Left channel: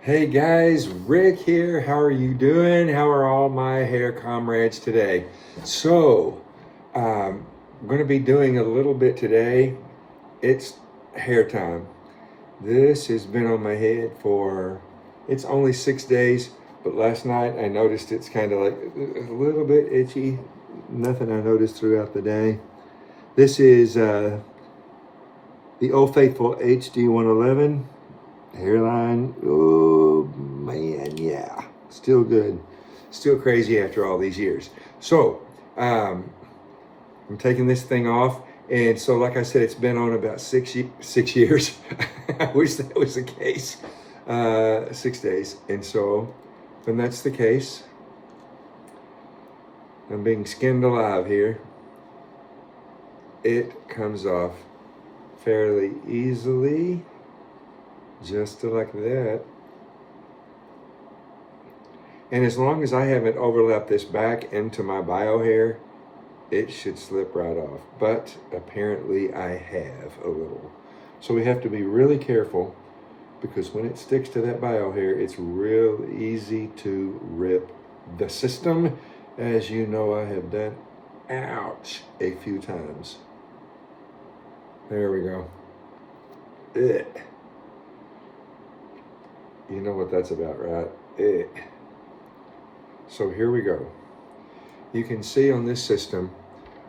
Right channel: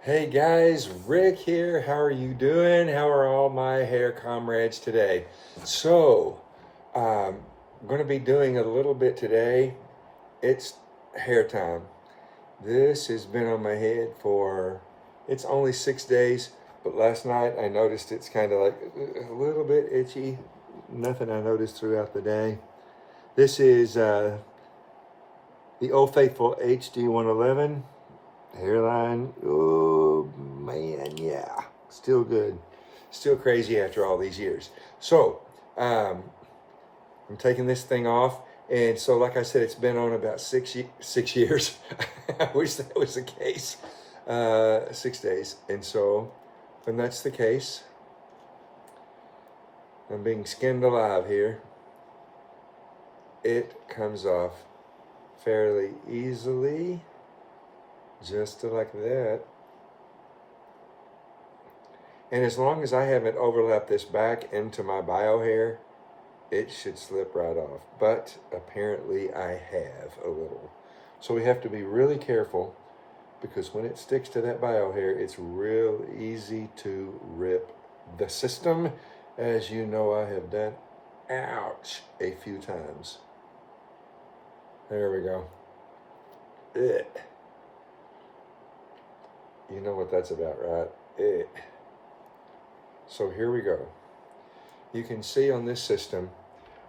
Hey guys, Rick here. How are you doing? How are all my hair comrades today? I'm going to be doing a little bit today. It's hair time. This has been on my head it's only 6 days, but last night I noticed it's kind of like a little bit itchy. Nothing I noticed throughout the day. This is the Old Faithful HD 111. Hairline, oh man, yeah, still good, still crazy after all these years. I'm taking this thing off, and so like I said, it's been on about six years. I wish that was the case. 6 days, and so when that's the case, I'm being skinned alive here. It comes off fairly easily. Just like that. And as long as I haven't overlapped this back into my bio hair, it should slip right off. But apparently I have a little. So we have to be really careful, because when it sticks to that bio hair, it's real easy to rip the system, as you know I have done, ouch, a few times. There we go. Ugh. You know what that's about, right? So here we go. You can see on this system,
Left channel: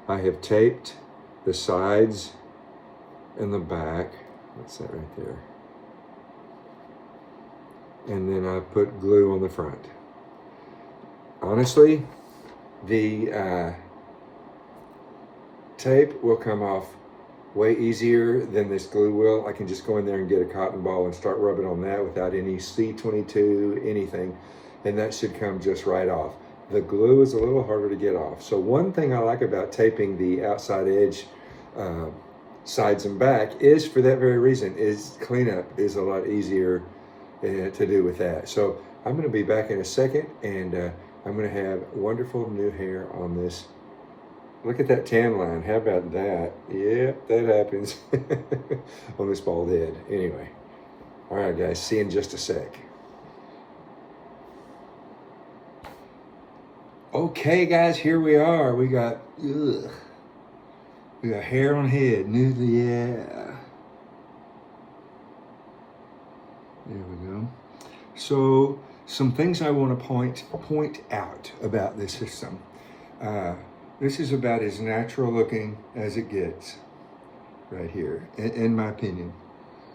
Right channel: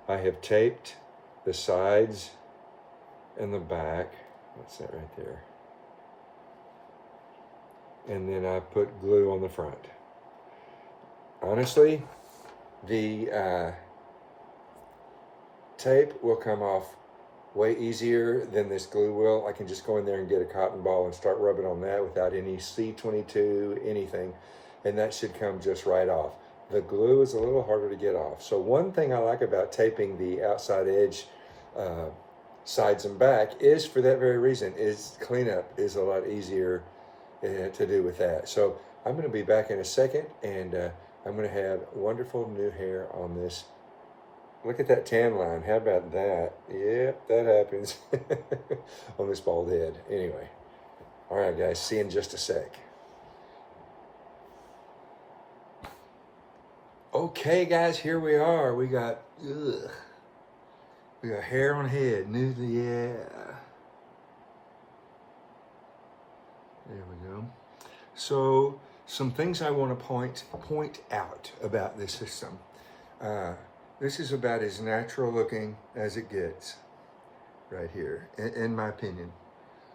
I have taped the sides and the back. What's that right there? And then I put glue on the front. Honestly, the tape will come off way easier than this glue will. I can just go in there and get a cotton ball and start rubbing on that without any C22, anything, and that should come just right off. The glue is a little harder to get off. So one thing I like about taping the outside edge, sides and back, is for that very reason, is cleanup is a lot easier to do with that. So I'm gonna be back in a second, and I'm gonna have wonderful new hair on this. Look at that tan line. How about that? Yeah, that happens on this bald head. Anyway, all right, guys, see you in just a sec. Okay, guys, here we are. We got hair on head. Yeah. There we go. So some things I want to point out about this system. This is about as natural looking as it gets right here, in my opinion.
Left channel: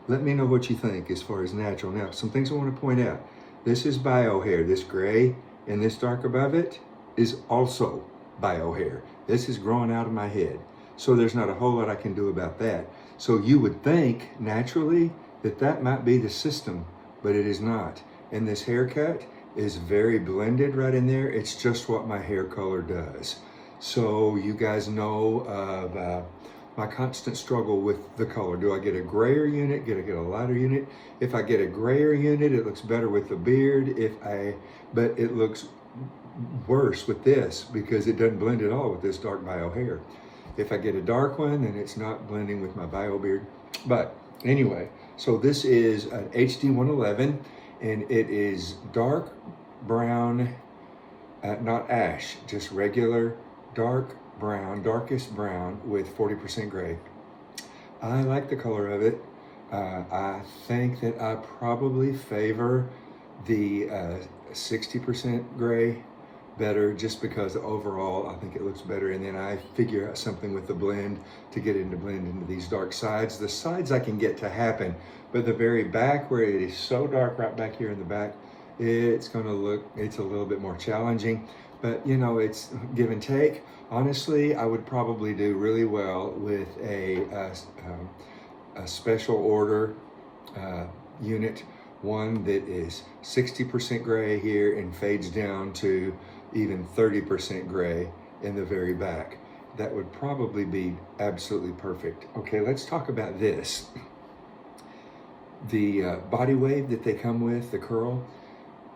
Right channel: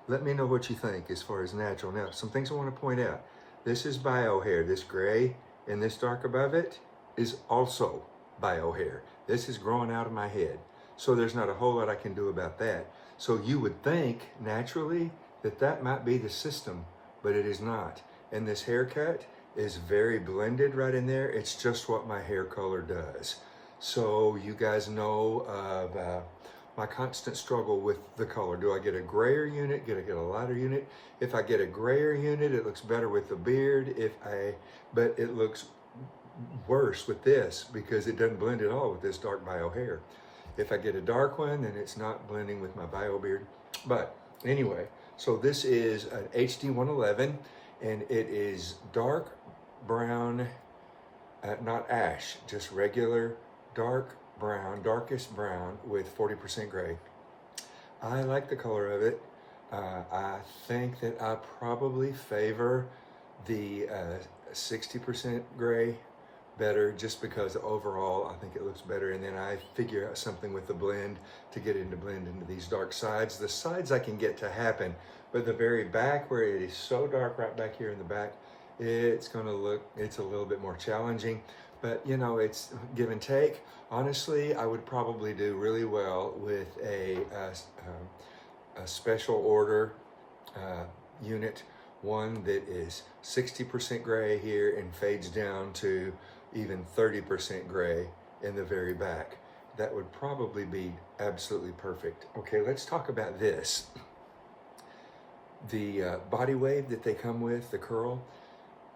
Let me know what you think as far as natural. Now, some things I want to point out. This is bio hair. This gray and this dark above it is also bio hair. This is growing out of my head. So there's not a whole lot I can do about that. So you would think naturally that might be the system, but it is not. And this haircut is very blended right in there. It's just what my hair color does. So you guys know of my constant struggle with the color. Do I get a grayer unit? Do I get a lighter unit? If I get a grayer unit, it looks better with the beard. But it looks worse with this because it doesn't blend at all with this dark bio hair. If I get a dark one, then it's not blending with my bio beard. But anyway, so this is an HD 111, and it is dark brown, not ash, just regular dark brown, darkest brown with 40% gray. I like the color of it. I think that I probably favor the 60% gray better, just because overall I think it looks better, and then I figure out something with the blend to get it to blend into these dark sides. The sides I can get to happen, but the very back, where it is so dark right back here in the back, it's a little bit more challenging. But you know, it's give and take. Honestly, I would probably do really well with a special order unit one that is 60% gray here and fades down to even 30% gray in the very back. That would probably be absolutely perfect. Okay, let's talk about this. The body wave that they come with, the curl,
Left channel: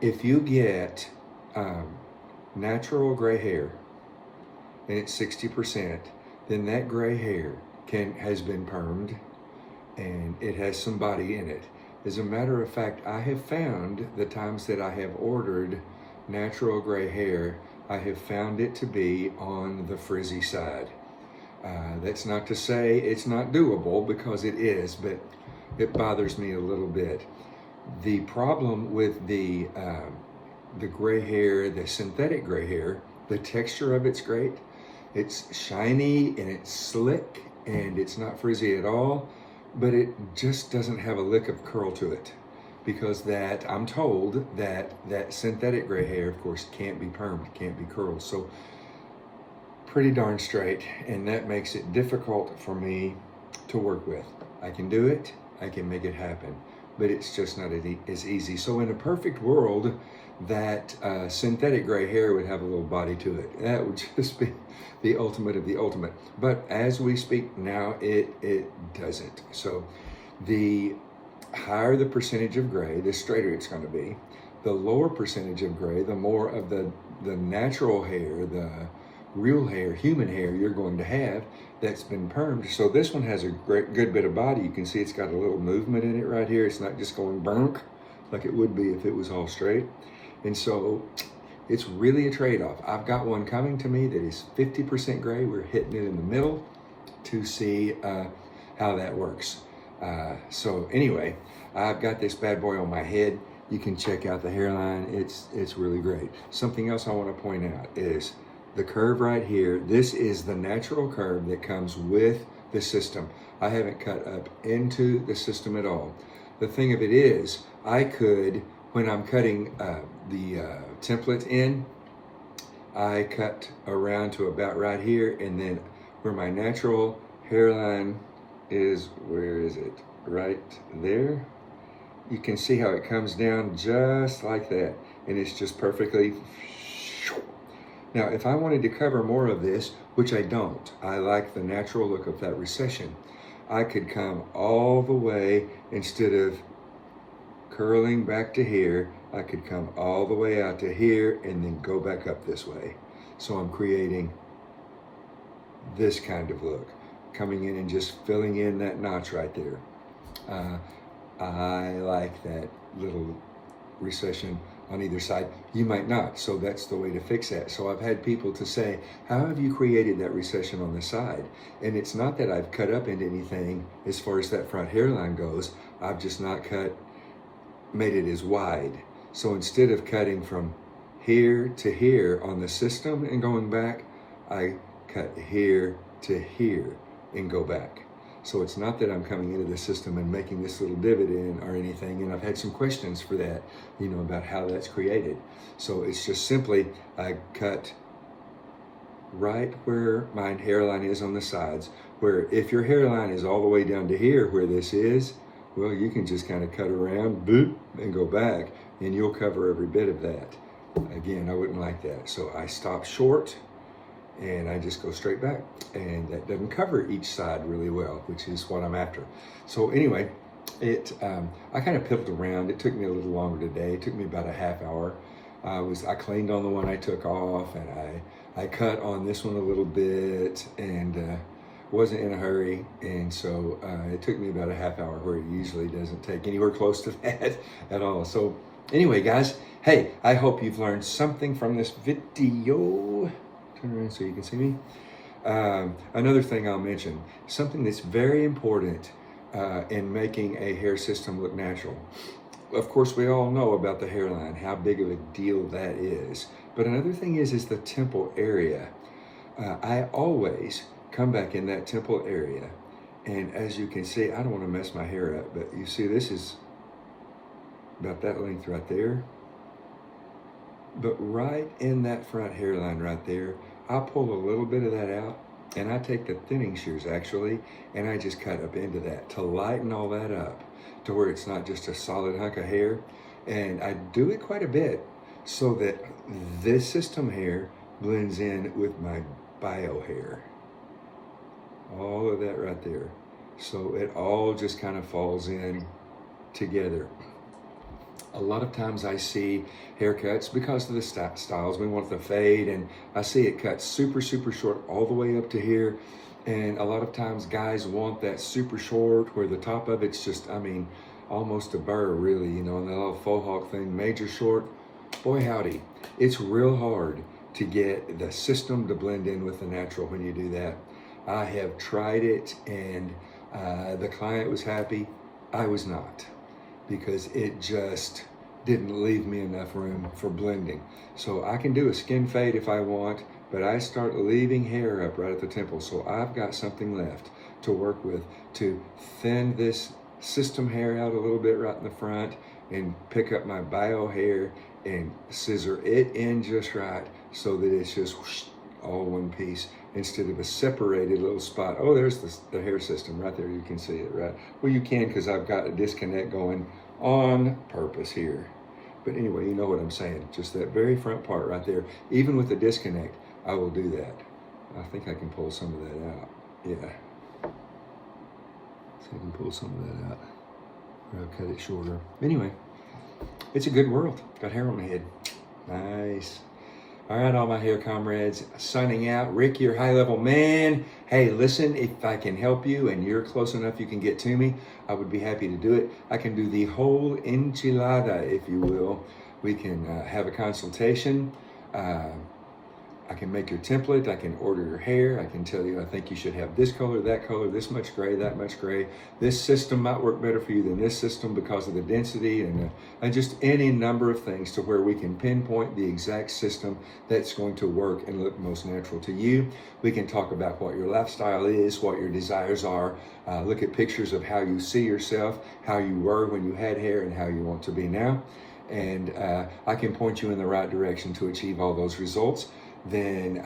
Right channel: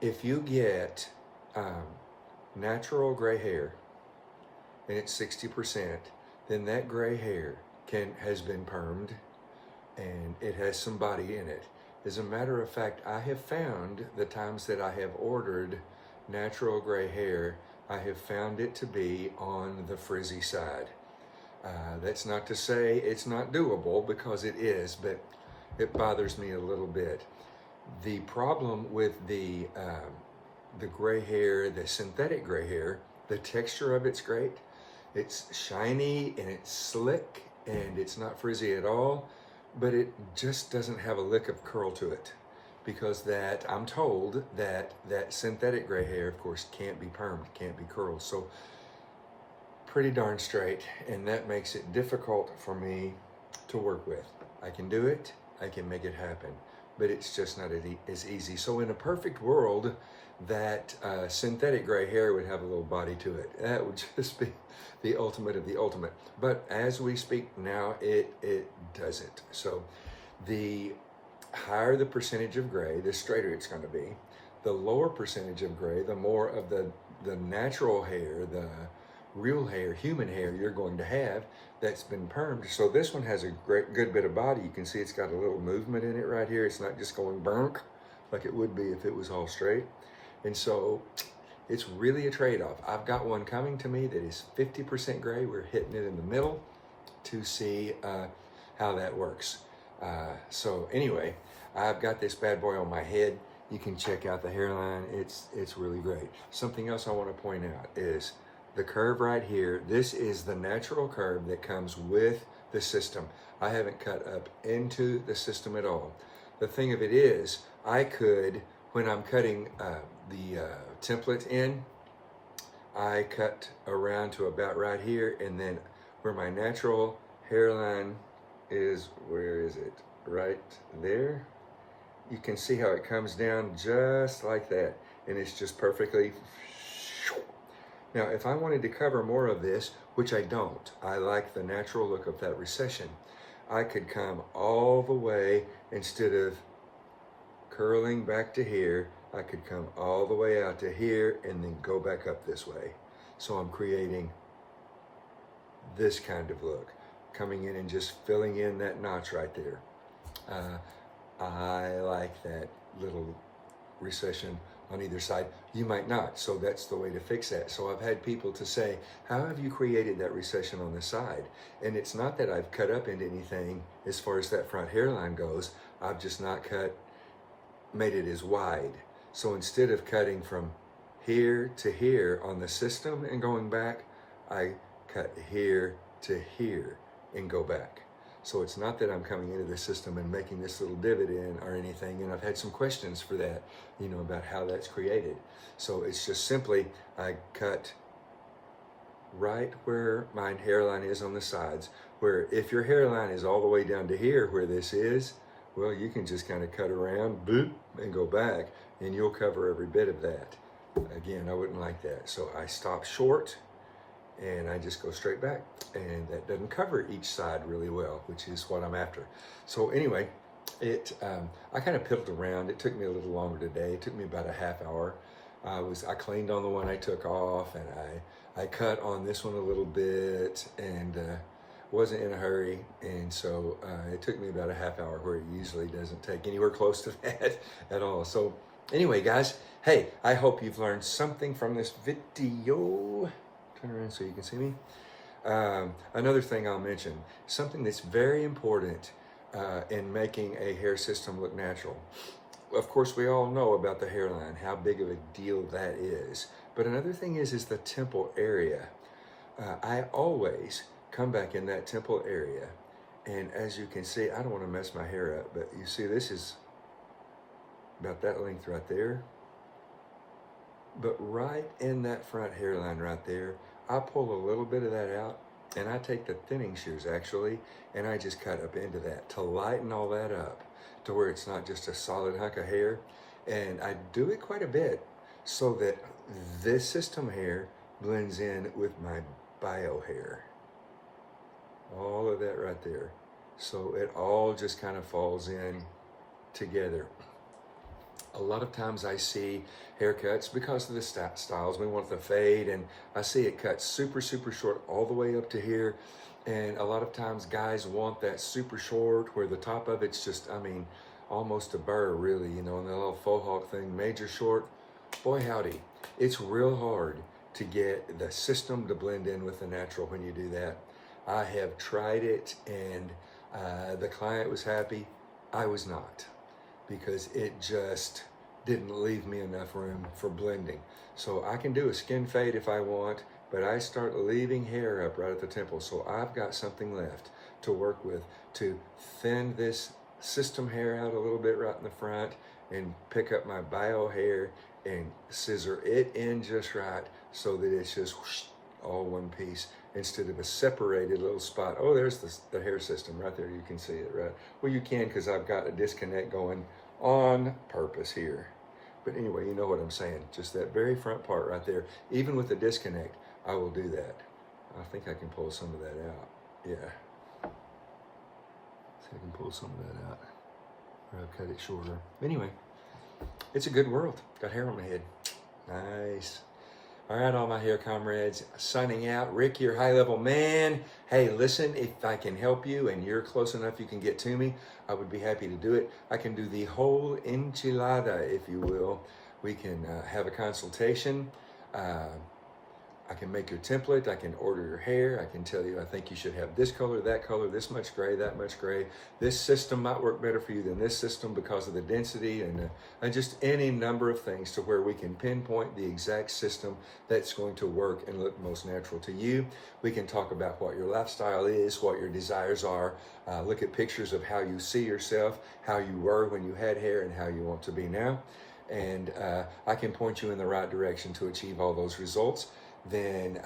if you get natural gray hair and it's 60%, then that gray hair has been permed and it has some body in it. As a matter of fact, I have found the times that I have ordered natural gray hair, I have found it to be on the frizzy side. That's not to say it's not doable, because it is, but it bothers me a little bit. The problem with the gray hair, the synthetic gray hair, the texture of it's great. It's shiny and it's slick and it's not frizzy at all, but it just doesn't have a lick of curl to it, because I'm told that synthetic gray hair, of course, can't be permed, can't be curled. So pretty darn straight, and that makes it difficult for me to work with. I can do it, I can make it happen, but it's just not as easy. So in a perfect world, that synthetic gray hair would have a little body to it. That would just be the ultimate of the ultimate. But as we speak now, it doesn't. So the higher the percentage of gray, the straighter it's going to be. The lower percentage of gray, the more of the natural hair, the real hair, human hair you're going to have that's been permed. So this one has a good bit of body. You can see it's got a little movement in it right here. It's not just going bunk like it would be if it was all straight. And so it's really a trade-off. I've got one coming to me that is 50% gray. We're hitting it in the middle to see how that works. So anyway, I've got this bad boy on my head. You can check out the hairline. It's really great. Something else I want to point out is the curve right here. This is the natural curve that comes with the system. I haven't cut up into the system at all. The thing of it is, I could, when I'm cutting the template in, I cut around to about right here, and then where my natural hairline is, where is it? Right there. You can see how it comes down just like that, and it's just perfectly. Now, if I wanted to cover more of this, which I don't, I like the natural look of that recession, I could come all the way, instead of curling back to here, I could come all the way out to here and then go back up this way. So I'm creating this kind of look, coming in and just filling in that notch right there. I like that little recession on either side. You might not, so that's the way to fix that. So I've had people to say, how have you created that recession on the side? And it's not that I've cut up into anything as far as that front hairline goes. I've just not made it as wide. So instead of cutting from here to here on the system and going back, I cut here to here and go back. So it's not that I'm coming into the system and making this little divot in or anything, and I've had some questions for that, about how that's created. So it's just simply, I cut right where my hairline is on the sides, where if your hairline is all the way down to here where this is, well, you can just kind of cut around, boop, and go back, and you'll cover every bit of that. Again, I wouldn't like that. So I stop short, and I just go straight back, and that doesn't cover each side really well, which is what I'm after. So anyway, I kind of pivoted around. It took me a little longer today. It took me about a half hour. I cleaned on the one I took off, and I cut on this one a little bit, and wasn't in a hurry, and so it took me about a half hour, where it usually doesn't take anywhere close to that at all. So anyway, guys, hey, I hope you've learned something from this video. Turn around so you can see me. Another thing I'll mention, something that's very important in making a hair system look natural. Of course, we all know about the hairline, how big of a deal that is. But another thing is the temple area. I always come back in that temple area, and as you can see, I don't want to mess my hair up, but you see this is about that length right there. But right in that front hairline right there, I pull a little bit of that out, and I take the thinning shears actually, and I just cut up into that to lighten all that up. to where it's not just a solid hunk of hair. And I do it quite a bit so that this system hair blends in with my bio hair. All of that right there. So it all just kind of falls in together. A lot of times I see haircuts because of the styles. We want the fade, and I see it cut super, super short all the way up to here. And a lot of times guys want that super short where the top of it's just, I mean, almost a burr really, you know, and that little faux hawk thing, major short. Boy howdy, it's real hard to get the system to blend in with the natural when you do that. I have tried it, and the client was happy. I was not, because it just didn't leave me enough room for blending. So I can do a skin fade if I want, but I start leaving hair up right at the temple. So I've got something left to work with to thin this system hair out a little bit right in the front and pick up my bio hair and scissor it in just right so that it's just whoosh, all one piece instead of a separated little spot. Oh, there's the hair system right there. You can see it, right? Well, you can, because I've got a disconnect going on purpose here. But anyway, you know what I'm saying. Just that very front part right there. Even with the disconnect, I will do that. I think I can pull some of that out. Yeah. See if I can pull some of that out. Or I'll cut it shorter. Anyway, it's a good world. Got hair on my head. Nice. All right, all my hair comrades, signing out. Rick, your high-level man. Hey, listen, if I can help you and you're close enough you can get to me, I would be happy to do it. I can do the whole enchilada, if you will. We can have a consultation. I can make your template. I can order your hair. I can tell you, I think you should have this color, this much gray, that much gray. This system might work better for you than this system because of the density and just any number of things to where we can pinpoint the exact system that's going to work and look most natural to you. We can talk about what your lifestyle is, what your desires are, look at pictures of how you see yourself, how you were when you had hair and how you want to be now. And I can point you in the right direction to achieve all those results. Then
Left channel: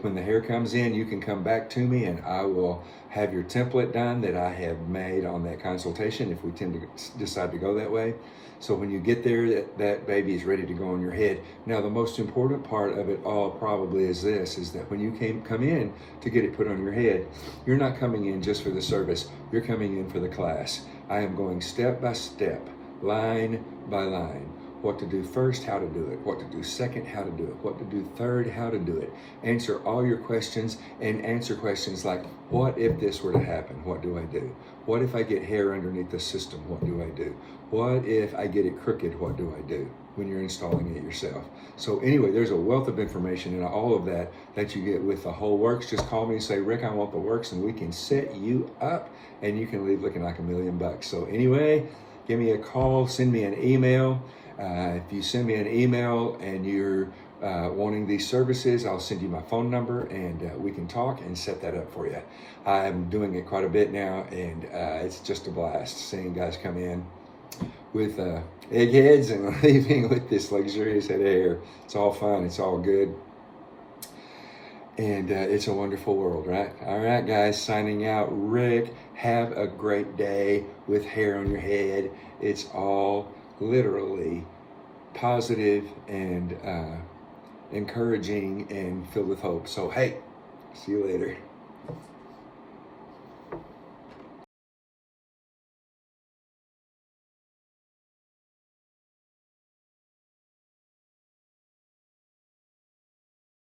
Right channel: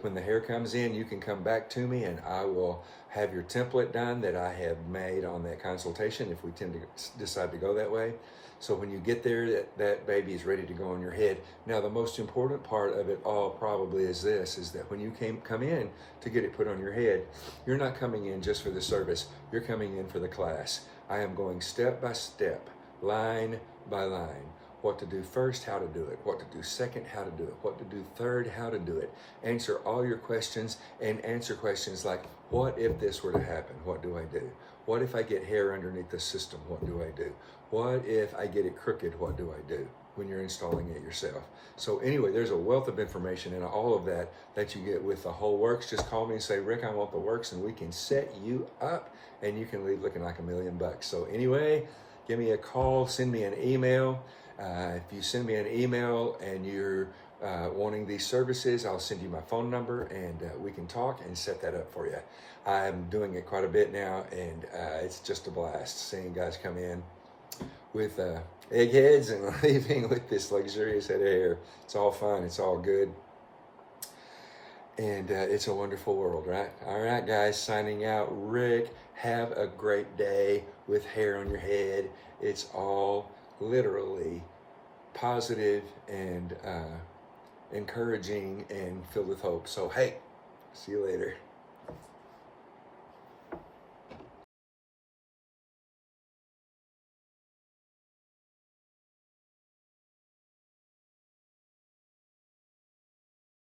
when the hair comes in, you can come back to me and I will have your template done that I have made on that consultation if we tend to decide to go that way. So when you get there, that baby is ready to go on your head. Now, the most important part of it all probably is this, is that when you come in to get it put on your head, you're not coming in just for the service. You're coming in for the class. I am going step by step, line by line. What to do first, how to do it. What to do second, how to do it. What to do third, how to do it. Answer all your questions and answer questions like, what if this were to happen? What do I do? What if I get hair underneath the system? What do I do? What if I get it crooked? What do I do when you're installing it yourself? So anyway, there's a wealth of information in all of that you get with the whole works. Just call me and say, Rick, I want the works, and we can set you up and you can leave looking like $1 million. So anyway, give me a call, send me an email. If you send me an email and you're wanting these services, I'll send you my phone number and we can talk and set that up for you. I'm doing it quite a bit now, and it's just a blast seeing guys come in with eggheads and leaving with this luxurious head of hair. It's all fun. It's all good. And it's a wonderful world, right? All right, guys, signing out. Rick, have a great day with hair on your head. It's all literally positive and encouraging and filled with hope. So, hey, see you later.